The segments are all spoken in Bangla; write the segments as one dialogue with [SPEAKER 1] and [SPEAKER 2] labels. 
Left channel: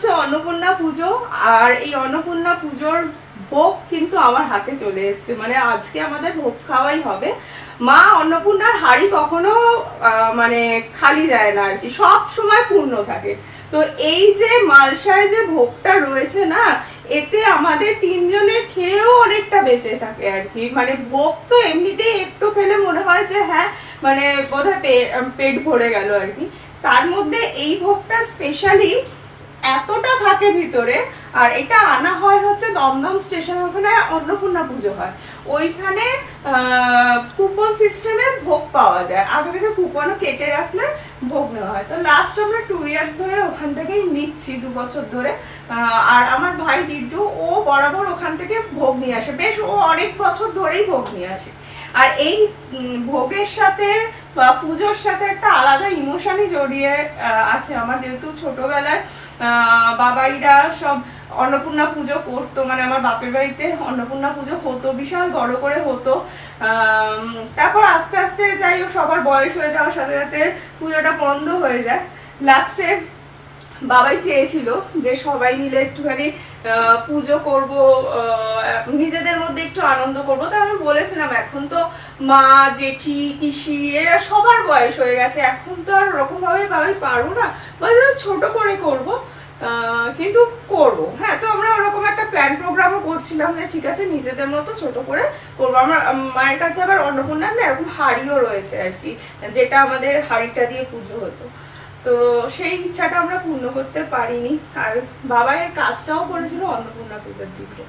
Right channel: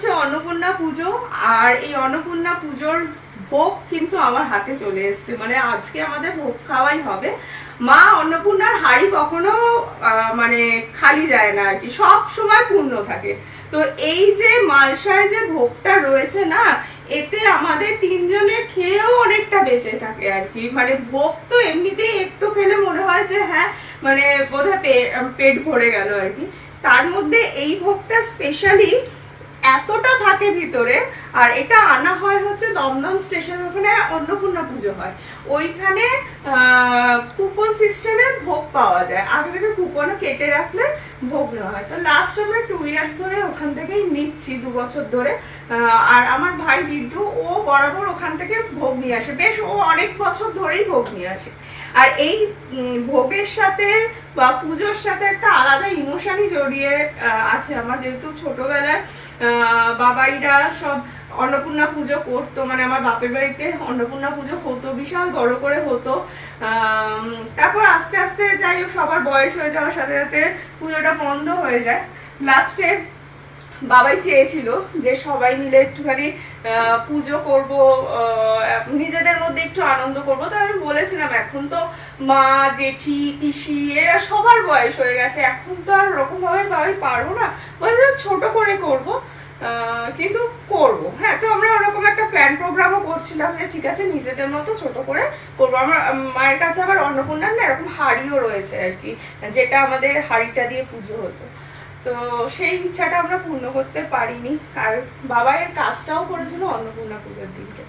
[SPEAKER 1] হচ্ছে অন্নপূর্ণা পুজো, আর এই অন্নপূর্ণা পুজোর ভোগ কিন্তু আমার হাতে চলে এসেছে। মানে আজকে আমাদের ভোগ খাওয়াই হবে। মা অন্নপূর্ণার হাড়ি কখনো মানে খালি যায় না আর কি সব সময় পূর্ণ থাকে। তো এই যে মালসায় যে ভোগটা রয়েছে না, এতে আমাদের তিনজনের খেয়েও অনেকটা বেঁচে থাকে আর কি মানে ভোগ তো এমনিতেই একটু খেলে মনে হয় যে হ্যাঁ মানে বোধহয় পেট ভরে গেল আর কি তার মধ্যে এই ভোগটা স্পেশালি এতটা থাকে ভিতরে, আর এটা আনা হয় হচ্ছে দমদম স্টেশন, ওখানে অন্নপূর্ণা পুজো হয়। ওইখানে কুপন সিস্টেমে ভোগ পাওয়া যায়। আগে থেকে কুপনও কেটে রাখলে ভোগ নেওয়া হয়। তো লাস্ট আমরা টু ইয়ার্স ধরে ওখান থেকেই নিচ্ছি, দু বছর ধরে। আর আমার ভাই বিড্ডু, ও বরাবর ওখান থেকে ভোগ নিয়ে আসে। বেশ, ও অনেক বছর ধরেই ভোগ নিয়ে আসে। আর এই ভোগের সাথে বা পুজোর সাথে একটা আলাদা ইমোশনই জড়িয়ে আছে আমার। যেহেতু ছোটবেলায় বাবাইরা সব অন্নপূর্ণা পুজো করতো মানে আমার বাপের বাড়িতে অন্নপূর্ণা পুজো হতো, বিশাল বড় করে হতো। তারপর আস্তে আস্তে যাই হোক, সবার বয়স হয়ে যাওয়ার সাথে সাথে পুজোটা বন্ধ হয়ে যায়। লাস্টে বাবাই চেয়েছিল যে সবাই মিলে একটুখানি পুজো করব নিজেদের মধ্যে একটু আনন্দ করব। তো আমি বলেছিলাম, এখন তো মা, জেঠি, পিসি এরা সবার বয়স হয়ে গেছে। এখন তো আর ওরকম ভাবে বাবাই পারব না। বলে ছোট করে করব কিন্তু করব। হ্যাঁ তো আমরা ওরকম একটা প্ল্যান প্রোগ্রামও করছিলাম যে ঠিক আছে, নিজেদের মতো ছোট করে করব। আমার মায়ের কাছে আবার অন্নপূর্ণার না এরকম হাড়িও রয়েছে আর কি, যেটা আমাদের হাড়িটা দিয়ে পুজো হতো। তো সেই ইচ্ছাটা আমরা পূর্ণ করতে পারিনি। আর বাবা এর কাজটাও করেছিল অন্নপূর্ণা পুজোর দিনকে।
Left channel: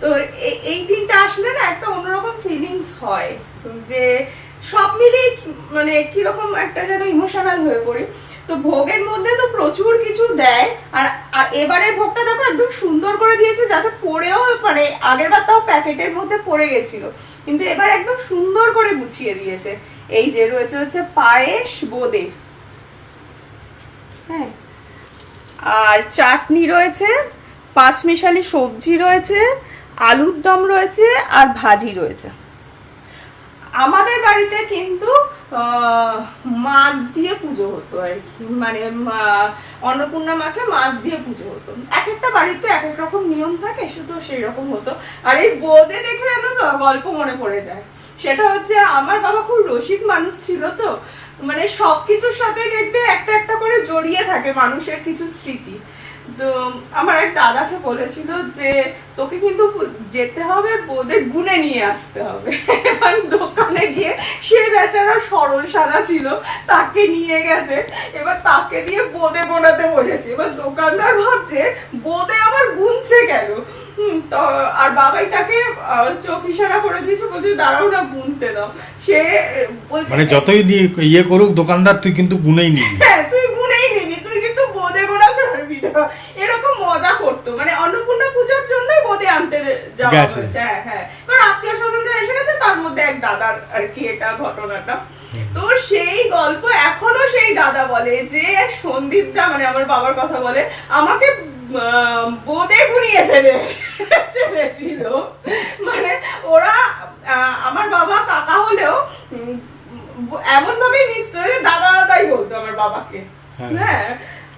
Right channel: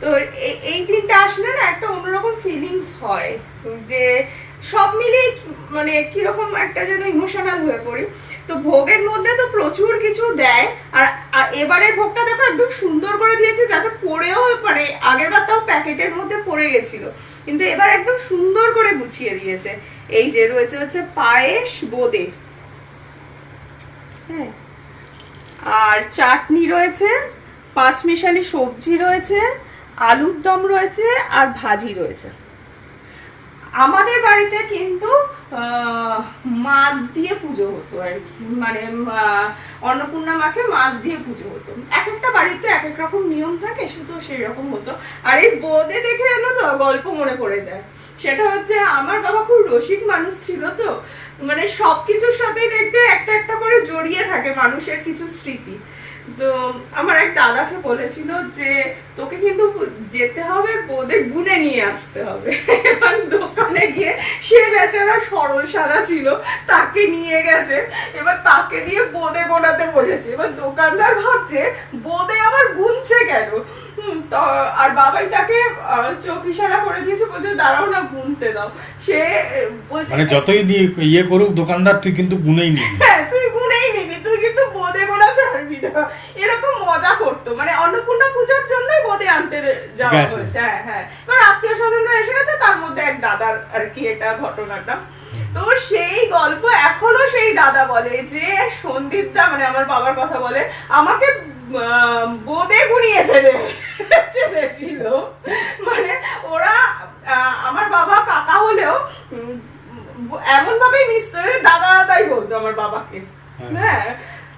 [SPEAKER 1] তো এই- দিনটা আসলে না একটা অন্যরকম ফিলিংস হয়, যে সব মিলিয়ে কি- মানে কীরকম একটা যেন ইমোশনাল হয়ে পড়ি। তো ভোগের মধ্যে তো প্রচুর কিছু দেয়, আর এবারে ভোগটা দেখো একদম সুন্দর করে দিয়েছে, যাতে পড়েও মানে আগের বার তাও প্যাকেটের মধ্যে পড়ে গেছিল। কিন্তু এবার একদম সুন্দর করে গুছিয়ে দিয়েছে। এই যে রয়েছে হচ্ছে পায়েস বোঁদে। হ্যাঁ। আর চাটনি রয়েছে পাঁচ মিশালি সবজি রয়েছে, আলুর দম রয়েছে আর ভাজি রয়েছে। আমাদের বাড়িতে কিন্তু মাছ দিয়ে পুজো হতো আর কি। মানে অন্নপূর্ণা মাকে মাছ দিয়ে পুজো হতো। এক একটা বাড়িতে এক এক রকম নিয়ম থাকে, শুধু সেই রকম হতো। আর এই বোদে দেখে তো গল্প মনে পড়ে যায়। সেটা হচ্ছে, আমার বাবা খুব রসিক মানুষ ছিল তো। মানে সবকিছুর সাথে দেখবে একটা একটা করে জড়িয়ে থাকে মানুষের কিছু স্মৃতি। তো আমার এক দাদাকে বলেছিল যে তোকে কিন্তু যেতে হবে বোধে গুনে নিয়ে আসতে হবে। এবার দোকানে গিয়ে সে বেচারা সরল সাদা ছিল তাকে নিয়ে গেছে। এবার তাকে দিয়ে বোধে গোনাতে বসেছে। এবার দোকানদার ভাবছে বোধে আবার গুনছে কেন? তো আর বাবাই তাকে চোখ ইশারা করে দিয়েছে বলছে দাঁড়াও না গুনতে দাও। সে বলছে
[SPEAKER 2] মানে যতই দিয়ে ইয়ে করুক দোকানদার তুই কিন্তু গুনেই নিবি।
[SPEAKER 1] হ্যাঁ তুই গুনেই নিবি তুই কিন্তু বোদে গোনা ছাড়বি না এরকম মজা করতো। মানে অন্নপূর্ণা পুজোর জন্যই বোদে আনতে যাওয়া হয়েছে হ্যাঁ হ্যাঁ। এবার আত্মীয় স্বজনরা এসে গেছে তার মধ্যে এক দাদার আর কি এটা ঘটনাটা। তো সেই গল্প এখনও সেই দাদা বলে যে সন্দীপ দা মানে আমার বাবার কথা বলে আমাকে বোদে গুনিয়েছে রে ছেড়েছিল মানে ওরা আমার বাবা কাকা হলেও এমন ভাবেই মিশতো দাদা দাদাই বলতো আমার বাবাকে।
[SPEAKER 2] হ্যাঁ।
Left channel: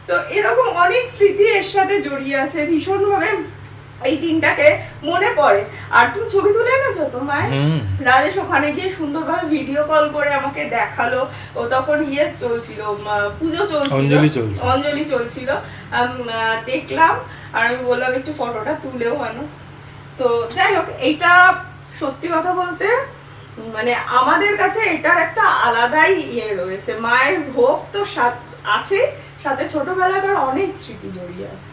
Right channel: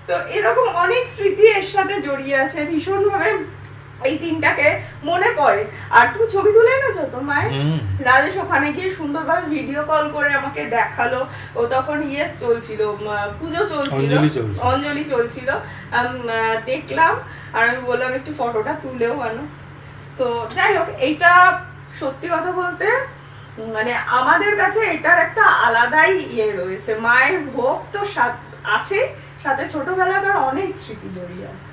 [SPEAKER 1] তো এরকম অনেক স্মৃতি এর সাথে জড়িয়ে আছে ভীষণ ভাবে এই দিনটাকে মনে পড়ে। আর তুমি ছবি তুলে এনেছো তো মায়ের রাজেশ ওখানে গিয়ে সুন্দরভাবে ভিডিও কল করে আমাকে দেখাল। ও তখন ইয়ে চলছিল পুজো চলছিল।
[SPEAKER 2] অঞ্জলি চলছিল।
[SPEAKER 1] দেখলাম আর আমি বললাম একটু ফটোটা তুলেও আনো। তো যাই হোক এইটা সত্যি কথা বলতে মানে আমাদের কাছে এটার একটা আলাদাই ইয়ে রয়েছে। মায়ের ভোগ তো সাথ- আছে সাথে ছোটবেলাকার অনেক স্মৃতি জড়িয়ে আছে।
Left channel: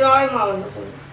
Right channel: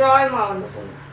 [SPEAKER 1] জয় মা অন্নপূর্ণা।